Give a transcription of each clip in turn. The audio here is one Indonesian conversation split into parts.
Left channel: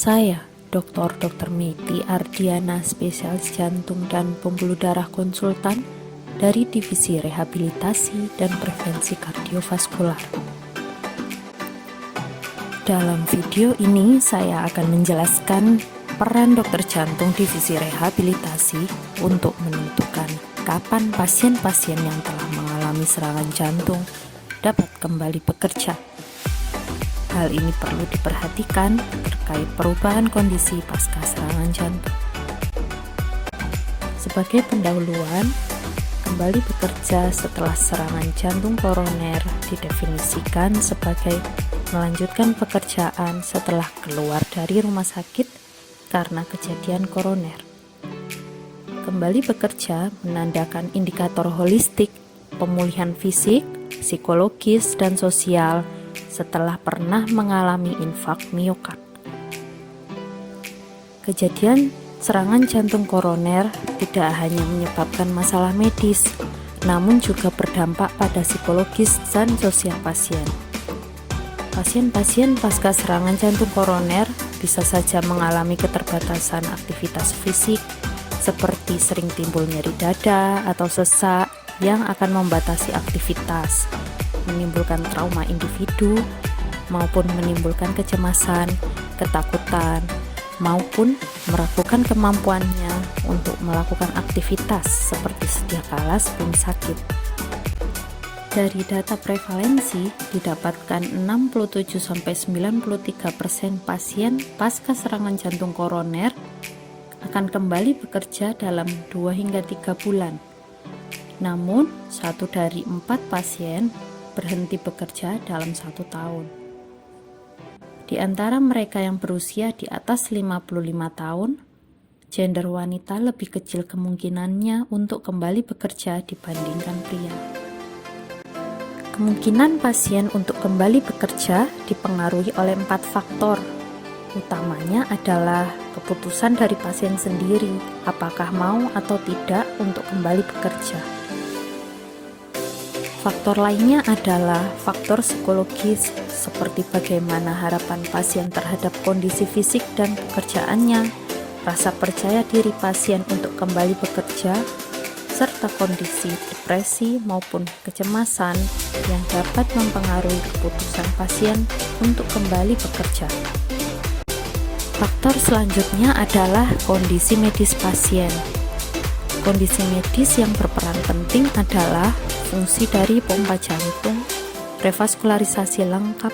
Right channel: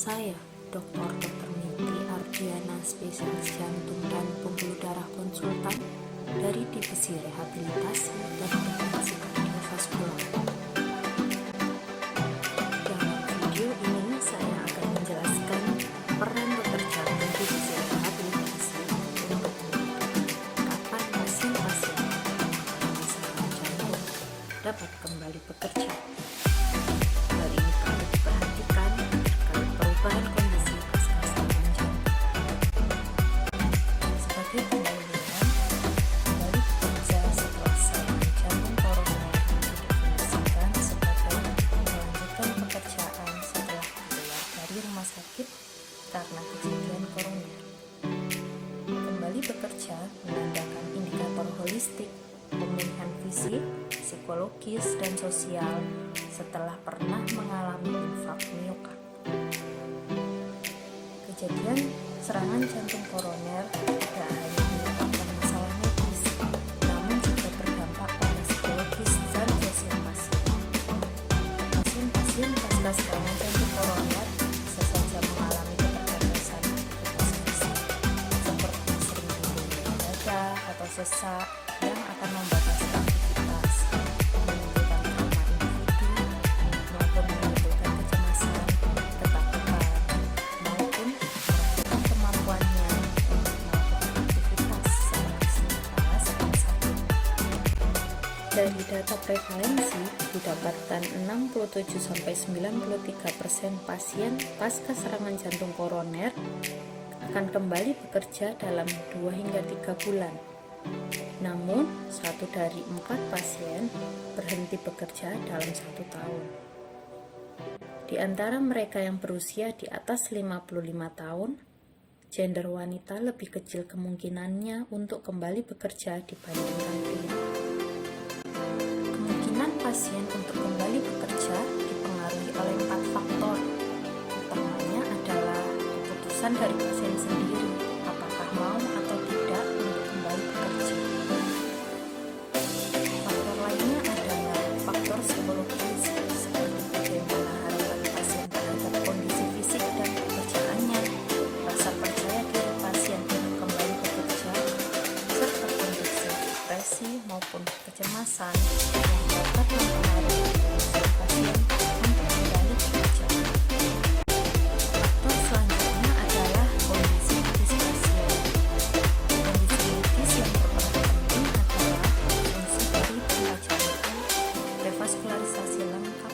Saya, Dr. Meti Ardiana, spesialis jantung dan pembuluh darah konsultan dari Divisi Rehabilitasi dan Prevensi Kardiovaskular. Dalam video ini, saya akan menjelaskan peran dokter jantung Divisi Rehabilitasi untuk menentukan kapan pasien-pasien yang telah mengalami serangan jantung dapat kembali bekerja. Hal ini perlu diperhatikan terkait perubahan kondisi pasca serangan jantung. Sebagai pendahuluan, kembali bekerja setelah serangan jantung koroner didefinisikan sebagai melanjutkan pekerjaan setelah keluar dari rumah sakit karena kejadian koroner. Kembali bekerja menandakan indikator holistik pemulihan fisik, psikologis, dan sosial setelah pernah mengalami infak miokard. Kejadian serangan jantung koroner tidak hanya menyebabkan masalah medis, namun juga berdampak pada psikologis dan sosial pasien. Pasien-pasien pasca serangan jantung koroner bisa saja mengalami keterbatasan aktivitas fisik, seperti sering timbul nyeri dada atau sesak yang akan membatasi aktivitas, menimbulkan trauma individu, maupun menimbulkan kecemasan, ketakutan, maupun meragukan kemampuannya untuk melakukan aktivitas seperti sedia kala sebelum sakit. Dari data prevalensi, didapatkan 67-93% pasien pasca serangan jantung koroner akan kembali bekerja dalam 2 hingga 3 bulan. Namun, 1 dari 4 pasien berhenti bekerja dalam 1 tahun. Di antara mereka yang berusia di atas 55 tahun, gender wanita lebih kecil kemungkinannya untuk kembali bekerja dibandingkan pria. Kemungkinan pasien untuk kembali bekerja dipengaruhi oleh 4 faktor. Utamanya adalah keputusan dari pasien sendiri, apakah mau atau tidak untuk kembali bekerja. Faktor lainnya adalah faktor psikologis, seperti bagaimana harapan pasien terhadap kondisi fisik dan pekerjaannya, rasa percaya diri pasien untuk kembali bekerja, serta kondisi depresi maupun kecemasan yang dapat mempengaruhi keputusan pasien untuk kembali bekerja. Faktor selanjutnya adalah kondisi medis pasien. Kondisi medis yang berperan penting adalah fungsi dari pompa jantung, revaskularisasi lengkap,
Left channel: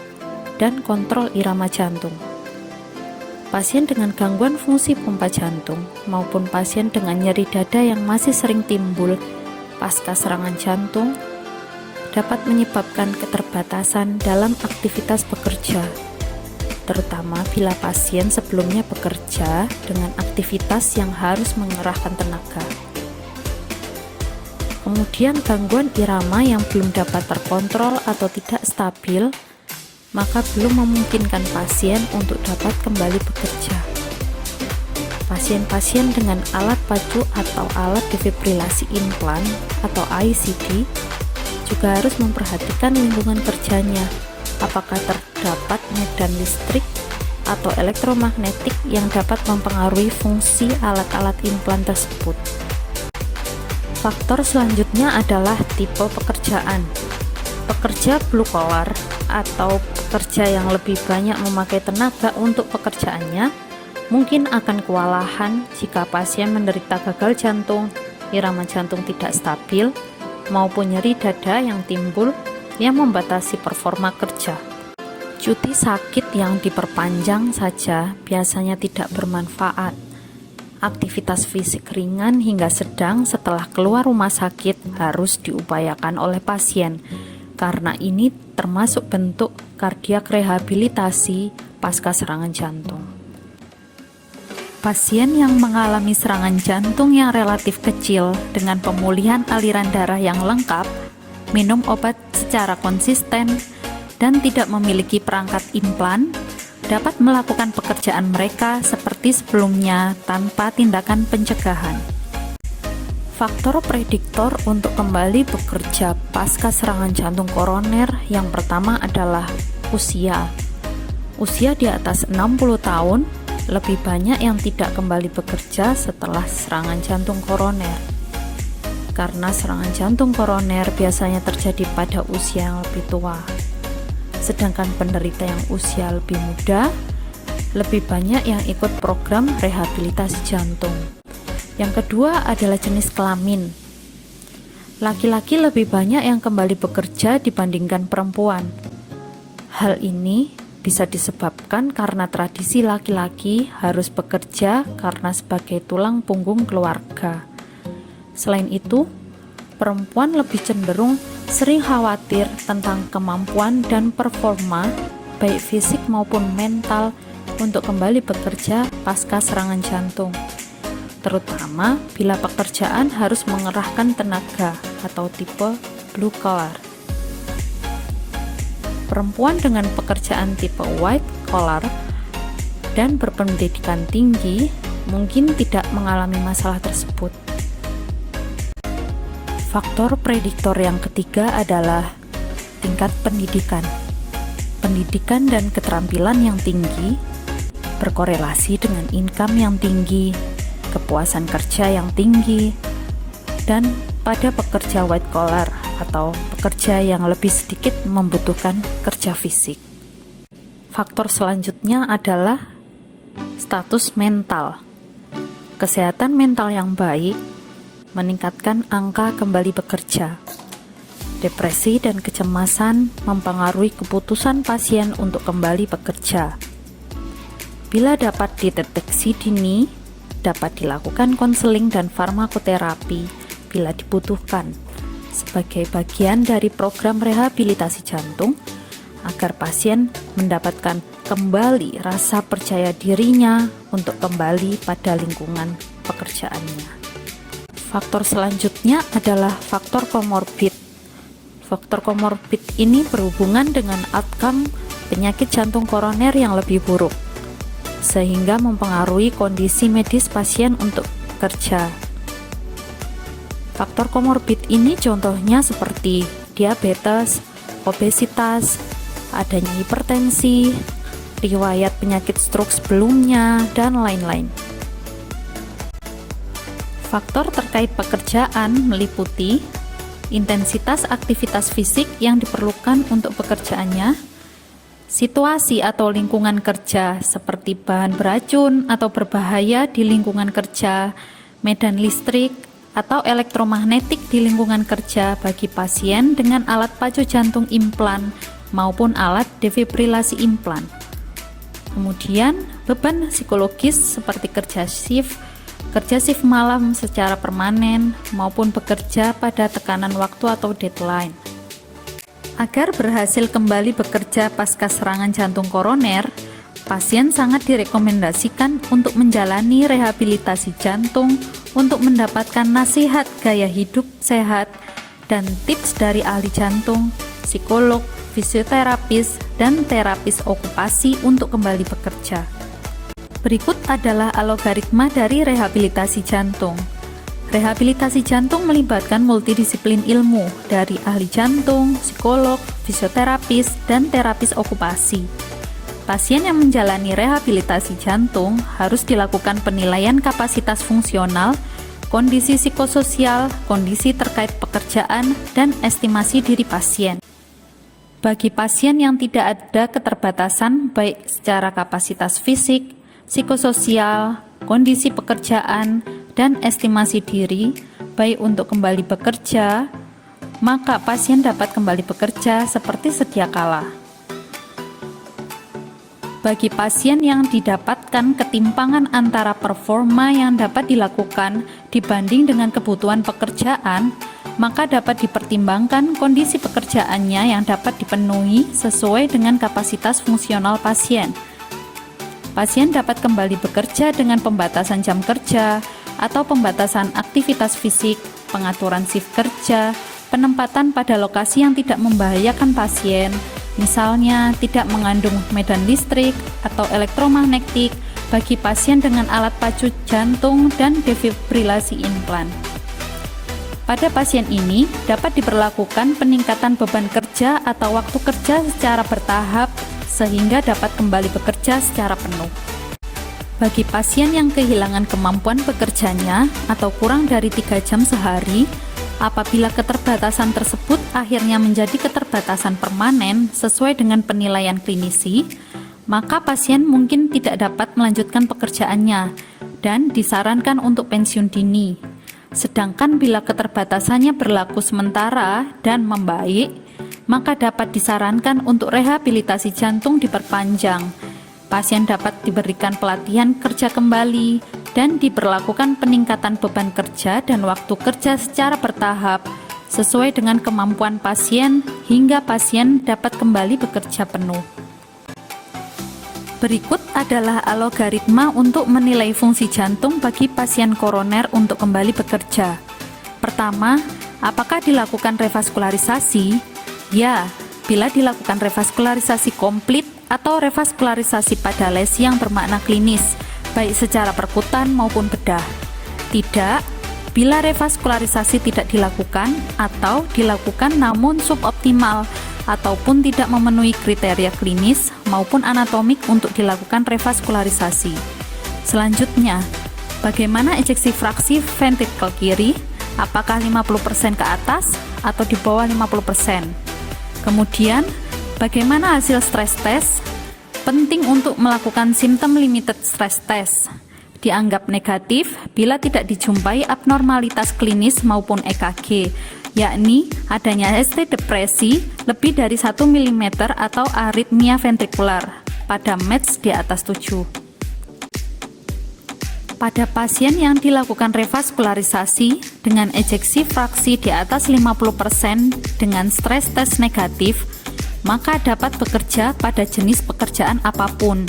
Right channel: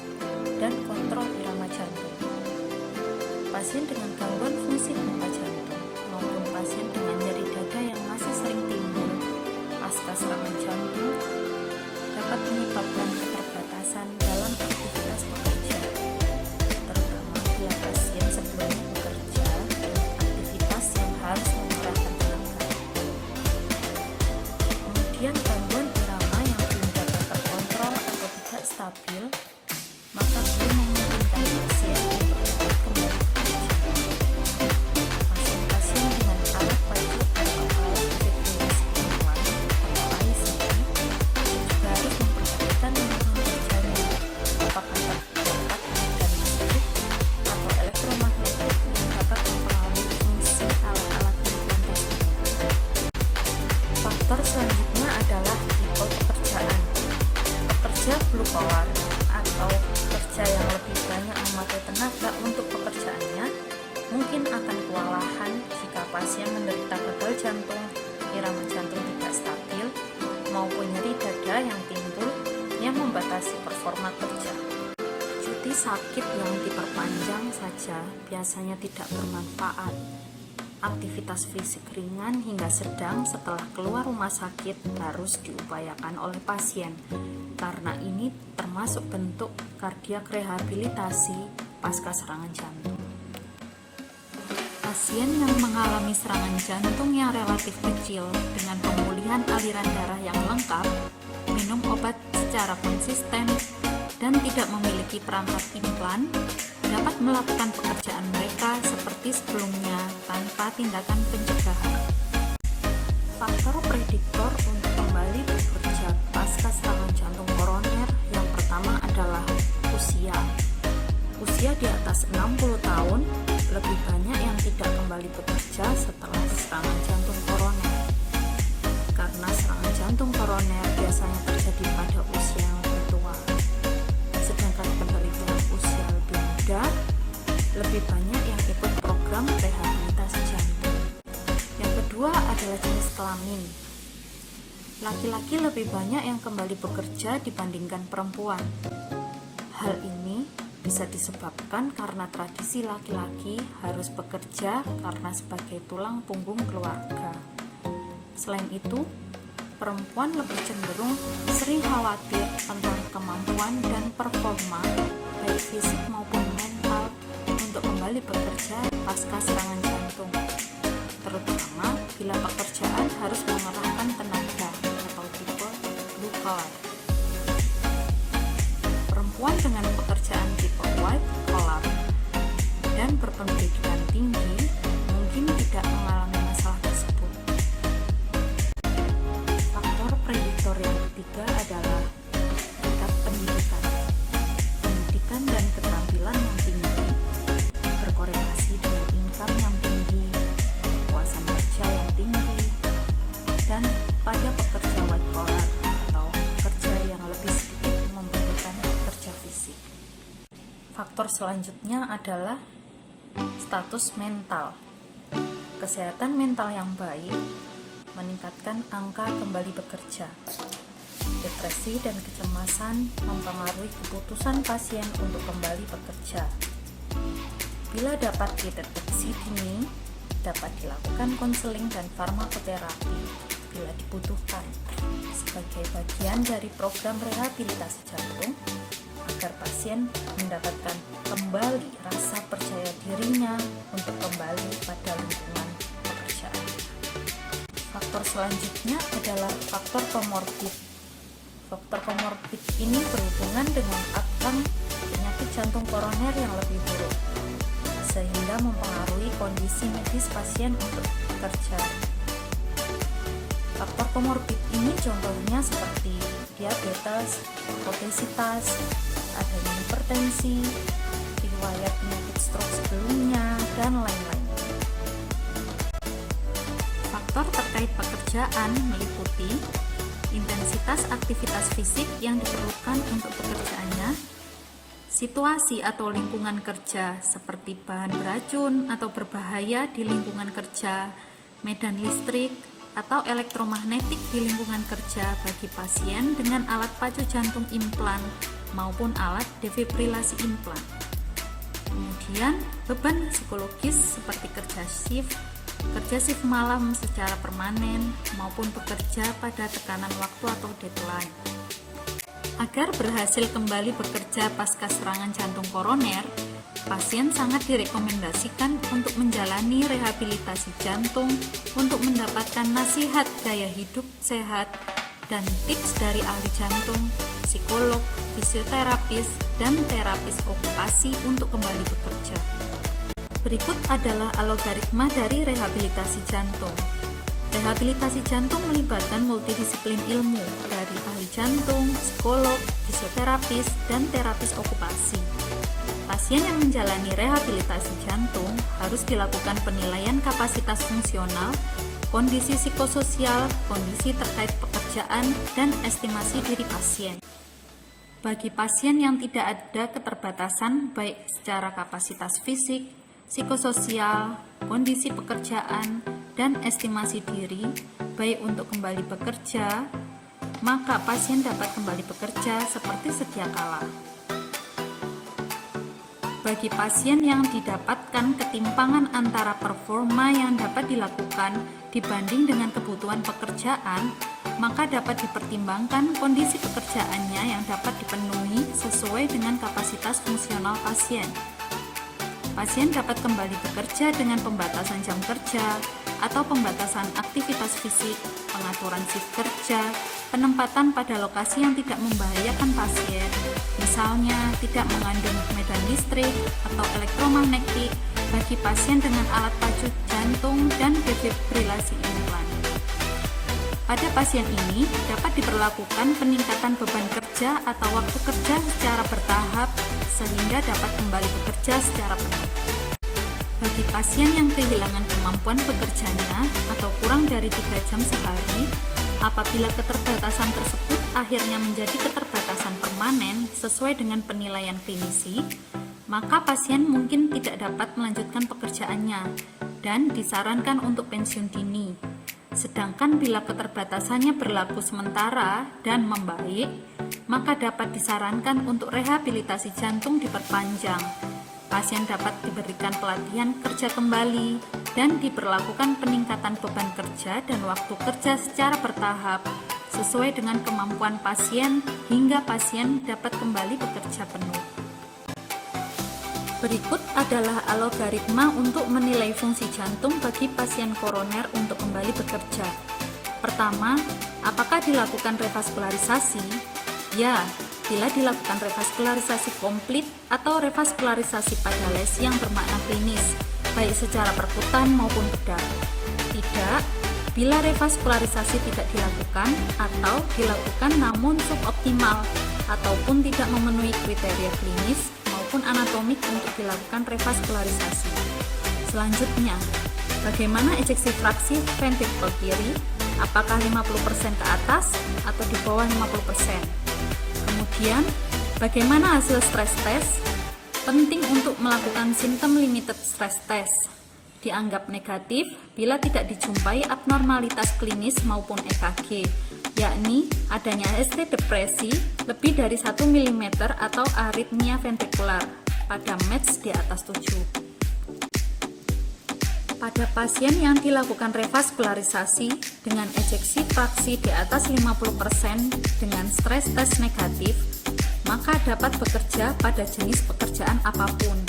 dan kontrol irama jantung. Pasien dengan gangguan fungsi pompa jantung maupun pasien dengan nyeri dada yang masih sering timbul pasca serangan jantung dapat menyebabkan keterbatasan dalam aktivitas bekerja, terutama bila pasien sebelumnya bekerja dengan aktivitas yang harus mengerahkan tenaga. Kemudian gangguan irama yang belum dapat terkontrol atau tidak stabil, maka belum memungkinkan pasien untuk dapat kembali bekerja. Pasien-pasien dengan alat pacu atau alat defibrilasi implan atau ICD juga harus memperhatikan lingkungan kerjanya, apakah terdapat medan listrik atau elektromagnetik yang dapat mempengaruhi fungsi alat-alat implan tersebut. Faktor selanjutnya adalah tipe pekerjaan. Pekerja blue collar atau pekerja yang lebih banyak memakai tenaga untuk pekerjaannya mungkin akan kewalahan jika pasien menderita gagal jantung, irama jantung tidak stabil, maupun nyeri dada yang timbul yang membatasi performa kerja. Cuti sakit yang diperpanjang saja biasanya tidak bermanfaat. Aktivitas fisik ringan hingga sedang setelah keluar rumah sakit harus diupayakan oleh pasien, karena ini termasuk bentuk kardiak rehabilitasi pasca serangan jantung. Pasien yang mengalami serangan jantung yang relatif kecil dengan pemulihan aliran darah yang lengkap, minum obat secara konsisten, dan tidak memiliki perangkat implan, dapat melakukan pekerjaan mereka seperti sebelumnya tanpa tindakan pencegahan. Faktor prediktor untuk kembali bekerja pasca serangan jantung koroner yang pertama adalah usia. Usia di atas 60 tahun Lebih banyak yang tidak kembali bekerja setelah serangan jantung koroner. Karena serangan jantung koroner biasanya terjadi pada usia yang lebih tua. Sedangkan penderita yang usia lebih muda, lebih banyak yang ikut program rehabilitasi jantung. Yang kedua adalah jenis kelamin. Laki-laki lebih banyak yang kembali bekerja dibandingkan perempuan. Hal ini bisa disebabkan karena tradisi laki-laki harus bekerja karena sebagai tulang punggung keluarga. Selain itu, perempuan lebih cenderung sering khawatir tentang kemampuan dan performa baik fisik maupun mental untuk kembali bekerja pasca serangan jantung, terutama bila pekerjaan harus mengerahkan tenaga atau tipe blue collar. Perempuan dengan pekerjaan tipe white collar dan berpendidikan tinggi mungkin tidak mengalami masalah tersebut. Faktor prediktor yang ketiga adalah tingkat pendidikan. Pendidikan dan keterampilan yang tinggi berkorelasi dengan income yang tinggi, kepuasan kerja yang tinggi, dan pada pekerja white collar atau pekerja yang lebih sedikit membutuhkan kerja fisik. Faktor selanjutnya adalah status mental. Kesehatan mental yang baik meningkatkan angka kembali bekerja. Depresi dan kecemasan mempengaruhi keputusan pasien untuk kembali bekerja. Bila dapat dideteksi dini, dapat dilakukan konseling dan farmakoterapi bila dibutuhkan sebagai bagian dari program rehabilitasi jantung agar pasien mendapatkan kembali rasa percaya dirinya untuk kembali pada lingkungan pekerjaannya. Faktor selanjutnya adalah faktor komorbid. Faktor komorbid ini berhubungan dengan outcome penyakit jantung koroner yang lebih buruk, sehingga mempengaruhi kondisi medis pasien untuk bekerja. Faktor komorbid ini contohnya seperti diabetes, obesitas, adanya hipertensi, riwayat penyakit stroke sebelumnya, dan lain-lain. Faktor terkait pekerjaan meliputi intensitas aktivitas fisik yang diperlukan untuk pekerjaannya, situasi atau lingkungan kerja seperti bahan beracun atau berbahaya di lingkungan kerja, medan listrik, atau elektromagnetik di lingkungan kerja bagi pasien dengan alat pacu jantung implan maupun alat defibrilasi implan. Kemudian, beban psikologis seperti kerja shift malam secara permanen maupun bekerja pada tekanan waktu atau deadline. Agar berhasil kembali bekerja pasca serangan jantung koroner, pasien sangat direkomendasikan untuk menjalani rehabilitasi jantung untuk mendapatkan nasihat gaya hidup sehat dan tips dari ahli jantung, psikolog, fisioterapis, dan terapis okupasi untuk kembali bekerja. Berikut adalah algoritma dari rehabilitasi jantung. Rehabilitasi jantung melibatkan multidisiplin ilmu dari ahli jantung, psikolog, fisioterapis, dan terapis okupasi. Pasien yang menjalani rehabilitasi jantung harus dilakukan penilaian kapasitas fungsional, kondisi psikososial, kondisi terkait pekerjaan, dan estimasi diri pasien. Bagi pasien yang tidak ada keterbatasan baik secara kapasitas fisik, psikososial, kondisi pekerjaan, dan estimasi diri, baik untuk kembali bekerja, maka pasien dapat kembali bekerja seperti sedia kala. Bagi pasien yang didapatkan ketimpangan antara performa yang dapat dilakukan dibanding dengan kebutuhan pekerjaan, maka dapat dipertimbangkan kondisi pekerjaannya yang dapat dipenuhi sesuai dengan kapasitas fungsional pasien. Pasien dapat kembali bekerja dengan pembatasan jam kerja atau pembatasan aktivitas fisik, pengaturan shift kerja, penempatan pada lokasi yang tidak membahayakan pasien, misalnya tidak mengandung medan listrik atau elektromagnetik bagi pasien dengan alat pacu jantung dan defibrilasi implan. Pada pasien ini dapat diberlakukan peningkatan beban kerja atau waktu kerja secara bertahap sehingga dapat kembali bekerja secara penuh. Bagi pasien yang kehilangan kemampuan bekerjanya atau kurang dari 3 jam sehari, apabila keterbatasan tersebut akhirnya menjadi keterbatasan permanen sesuai dengan penilaian klinisi, maka pasien mungkin tidak dapat melanjutkan pekerjaannya dan disarankan untuk pensiun dini. Sedangkan bila keterbatasannya berlaku sementara dan membaik, maka dapat disarankan untuk rehabilitasi jantung diperpanjang. Pasien dapat diberikan pelatihan kerja kembali dan diberlakukan peningkatan beban kerja dan waktu kerja secara bertahap sesuai dengan kemampuan pasien hingga pasien dapat kembali bekerja penuh. Berikut adalah algoritma untuk menilai fungsi jantung bagi pasien koroner untuk kembali bekerja. Pertama, apakah dilakukan revaskularisasi? Ya, bila dilakukan revaskularisasi komplit atau revaskularisasi pada lesi yang bermakna klinis, baik secara perkutan maupun bedah. Tidak, bila revaskularisasi tidak dilakukan atau dilakukan namun suboptimal ataupun tidak memenuhi kriteria klinis maupun anatomik untuk dilakukan revaskularisasi. Selanjutnya, bagaimana ejeksi fraksi ventrikel kiri? Apakah 50% ke atas atau di bawah 50%? Kemudian, bagaimana hasil stress test? Penting untuk melakukan symptom limited stress test. Dianggap negatif bila tidak dijumpai abnormalitas klinis maupun EKG, yakni adanya ST depresi lebih dari 1 mm atau aritmia ventrikular pada METS di atas 7. Pada pasien yang dilakukan revaskularisasi dengan ejeksi fraksi di atas 50% dengan stres tes negatif, maka dapat bekerja pada jenis pekerjaan apapun.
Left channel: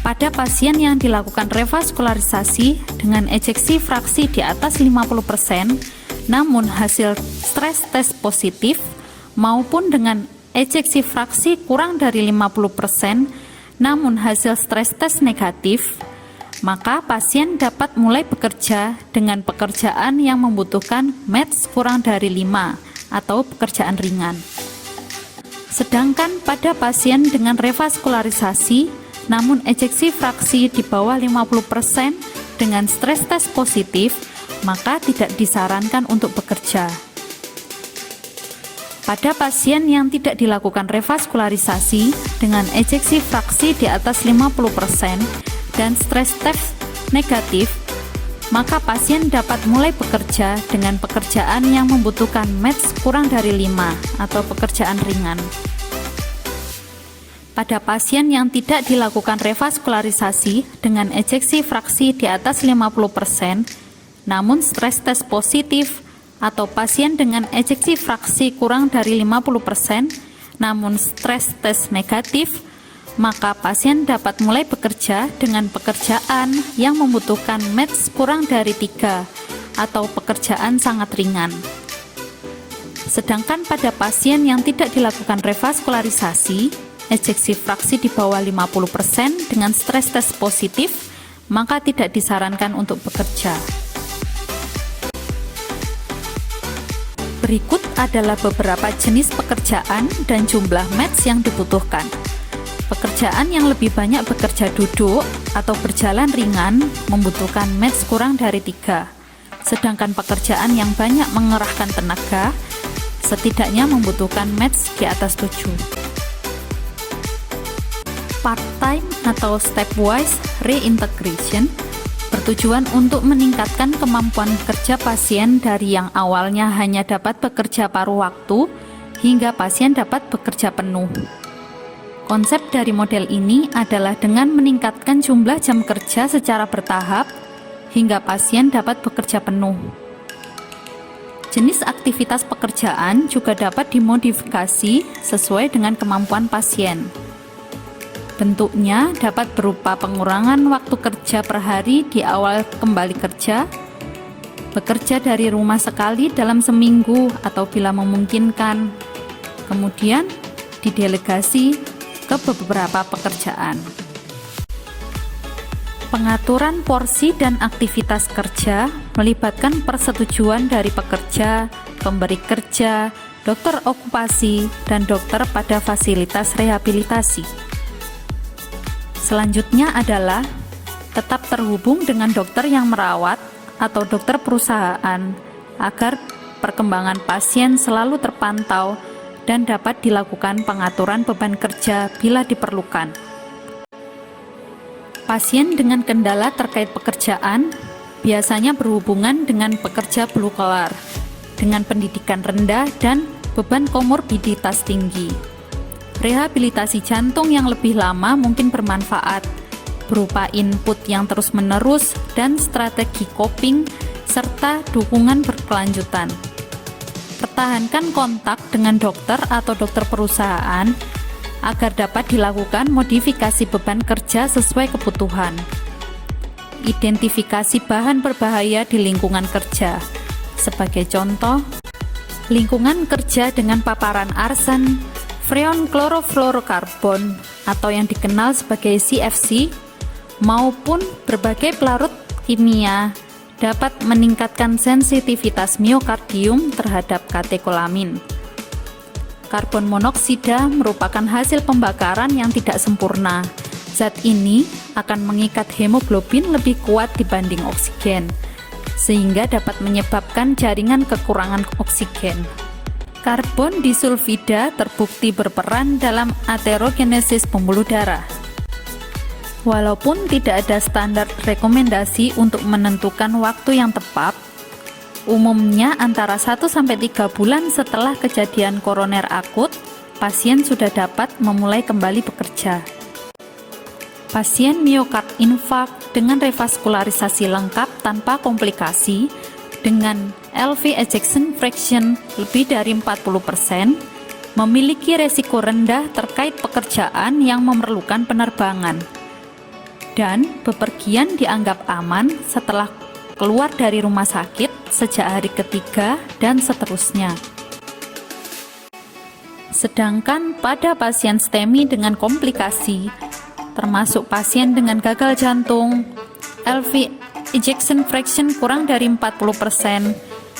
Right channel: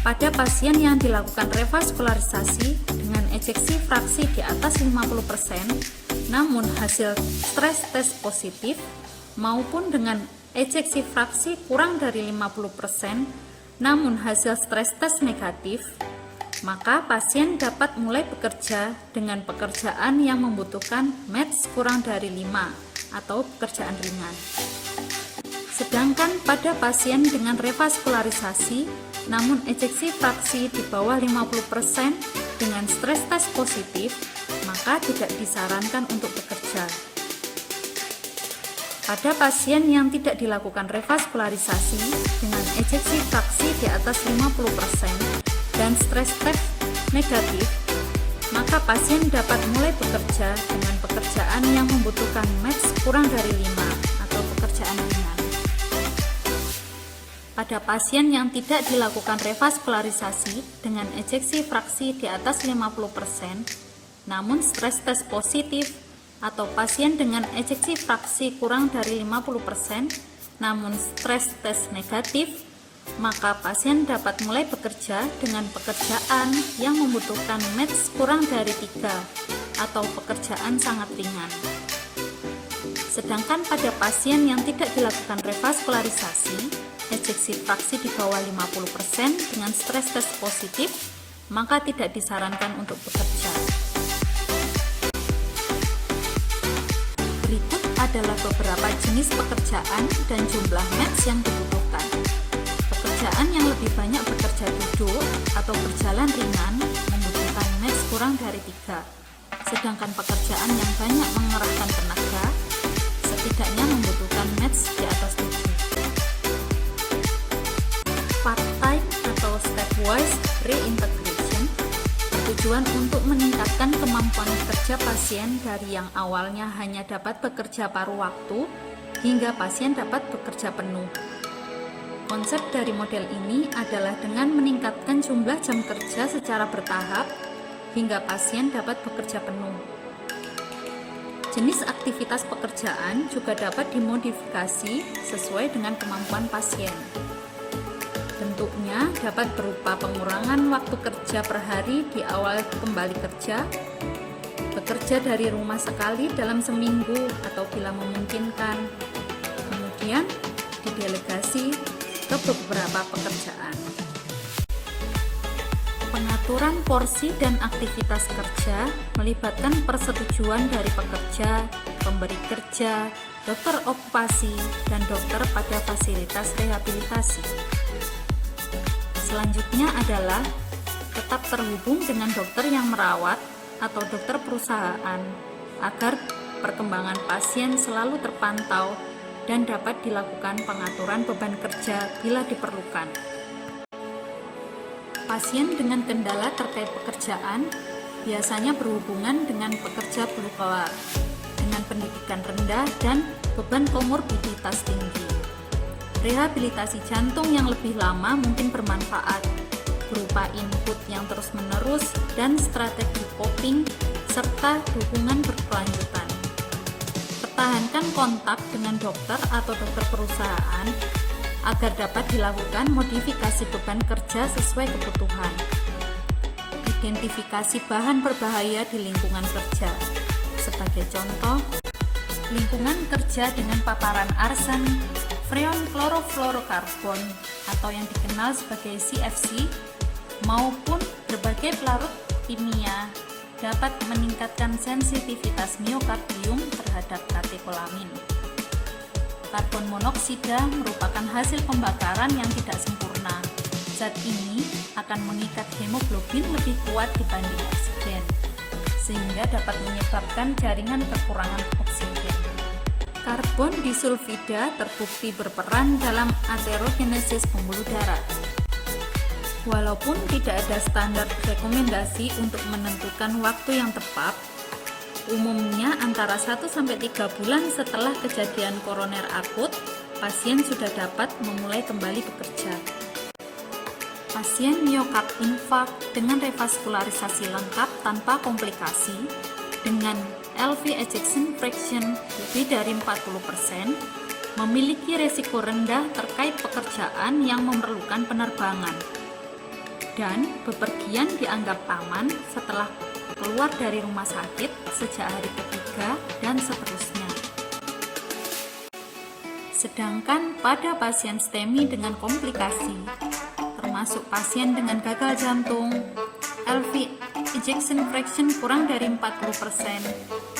Pada pasien yang dilakukan revaskularisasi dengan ejeksi fraksi di atas 50%, namun hasil stres tes positif maupun dengan ejeksi fraksi kurang dari 50%, namun hasil stres tes negatif, maka pasien dapat mulai bekerja dengan pekerjaan yang membutuhkan METS kurang dari 5 atau pekerjaan ringan. Sedangkan pada pasien dengan revaskularisasi namun ejeksi fraksi di bawah 50% dengan stres tes positif, maka tidak disarankan untuk bekerja. Pada pasien yang tidak dilakukan revaskularisasi dengan ejeksi fraksi di atas 50% dan stres tes negatif, maka pasien dapat mulai bekerja dengan pekerjaan yang membutuhkan METS kurang dari 5 atau pekerjaan ringan. Pada pasien yang tidak dilakukan revaskularisasi dengan ejeksi fraksi di atas 50%, namun stres tes positif, atau pasien dengan ejeksi fraksi kurang dari 50%, namun stres tes negatif, maka pasien dapat mulai bekerja dengan pekerjaan yang membutuhkan METS kurang dari 3 atau pekerjaan sangat ringan. Sedangkan pada pasien yang tidak dilakukan revaskularisasi, ejeksi fraksi di bawah 50% dengan stres tes positif, maka tidak disarankan untuk bekerja. Berikut adalah beberapa jenis pekerjaan dan jumlah METS yang dibutuhkan. Pekerjaan yang lebih banyak bekerja duduk atau berjalan ringan membutuhkan METS kurang dari 3, sedangkan pekerjaan yang banyak mengerahkan tenaga setidaknya membutuhkan METS di atas 7. Part-time atau stepwise reintegration bertujuan untuk meningkatkan kemampuan kerja pasien dari yang awalnya hanya dapat bekerja paruh waktu hingga pasien dapat bekerja penuh. Konsep dari model ini adalah dengan meningkatkan jumlah jam kerja secara bertahap hingga pasien dapat bekerja penuh. Jenis aktivitas pekerjaan juga dapat dimodifikasi sesuai dengan kemampuan pasien. Bentuknya dapat berupa pengurangan waktu kerja per hari di awal kembali kerja, bekerja dari rumah sekali dalam seminggu atau bila memungkinkan, kemudian didelegasi ke beberapa pekerjaan. Pengaturan porsi dan aktivitas kerja melibatkan persetujuan dari pekerja, pemberi kerja, dokter okupasi, dan dokter pada fasilitas rehabilitasi. Selanjutnya adalah tetap terhubung dengan dokter yang merawat atau dokter perusahaan agar perkembangan pasien selalu terpantau dan dapat dilakukan pengaturan beban kerja bila diperlukan. Pasien dengan kendala terkait pekerjaan biasanya berhubungan dengan pekerja blue collar dengan pendidikan rendah dan beban komorbiditas tinggi. Rehabilitasi jantung yang lebih lama mungkin bermanfaat, berupa input yang terus-menerus dan strategi coping serta dukungan berkelanjutan. Pertahankan kontak dengan dokter atau dokter perusahaan agar dapat dilakukan modifikasi beban kerja sesuai kebutuhan. Identifikasi bahan berbahaya di lingkungan kerja. Sebagai contoh, lingkungan kerja dengan paparan arsen, freon klorofluorokarbon atau yang dikenal sebagai CFC, maupun berbagai pelarut kimia dapat meningkatkan sensitivitas miokardium terhadap katekolamin. Karbon monoksida merupakan hasil pembakaran yang tidak sempurna. Zat ini akan mengikat hemoglobin lebih kuat dibanding oksigen, sehingga dapat menyebabkan jaringan kekurangan oksigen. Karbon disulfida terbukti berperan dalam aterogenesis pembuluh darah. Walaupun tidak ada standar rekomendasi untuk menentukan waktu yang tepat, umumnya antara 1-3 bulan setelah kejadian koroner akut, pasien sudah dapat memulai kembali bekerja. Pasien miokard infak dengan revaskularisasi lengkap tanpa komplikasi dengan LV ejection fraction lebih dari 40% memiliki resiko rendah terkait pekerjaan yang memerlukan penerbangan, dan bepergian dianggap aman setelah keluar dari rumah sakit sejak hari ketiga dan seterusnya. Sedangkan pada pasien STEMI dengan komplikasi, termasuk pasien dengan gagal jantung, LV ejection fraction kurang dari 40%,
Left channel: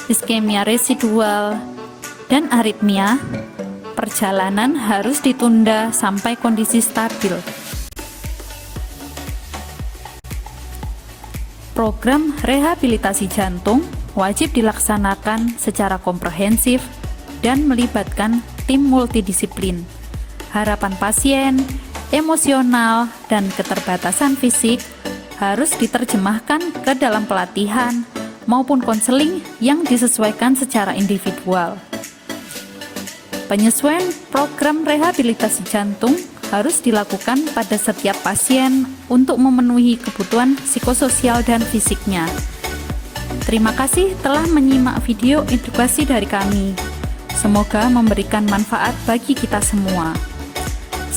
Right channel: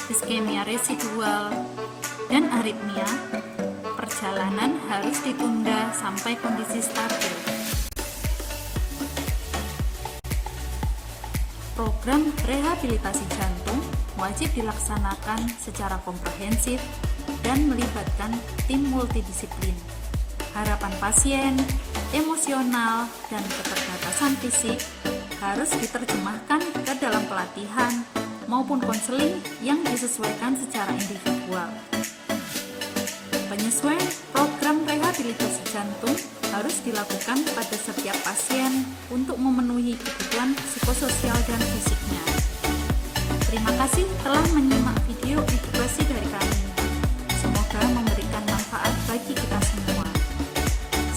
iskemia residual, dan aritmia, perjalanan harus ditunda sampai kondisi stabil. Program rehabilitasi jantung wajib dilaksanakan secara komprehensif dan melibatkan tim multidisiplin. Harapan pasien, emosional, dan keterbatasan fisik harus diterjemahkan ke dalam pelatihan maupun konseling yang disesuaikan secara individual. Penyesuaian program rehabilitasi jantung harus dilakukan pada setiap pasien untuk memenuhi kebutuhan psikososial dan fisiknya. Terima kasih telah menyimak video edukasi dari kami. Semoga memberikan manfaat bagi kita semua.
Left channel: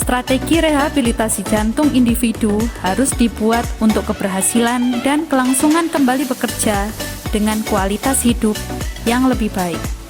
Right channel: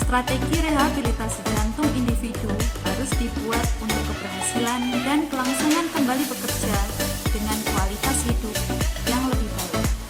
Strategi rehabilitasi jantung individu harus dibuat untuk keberhasilan dan kelangsungan kembali bekerja dengan kualitas hidup yang lebih baik.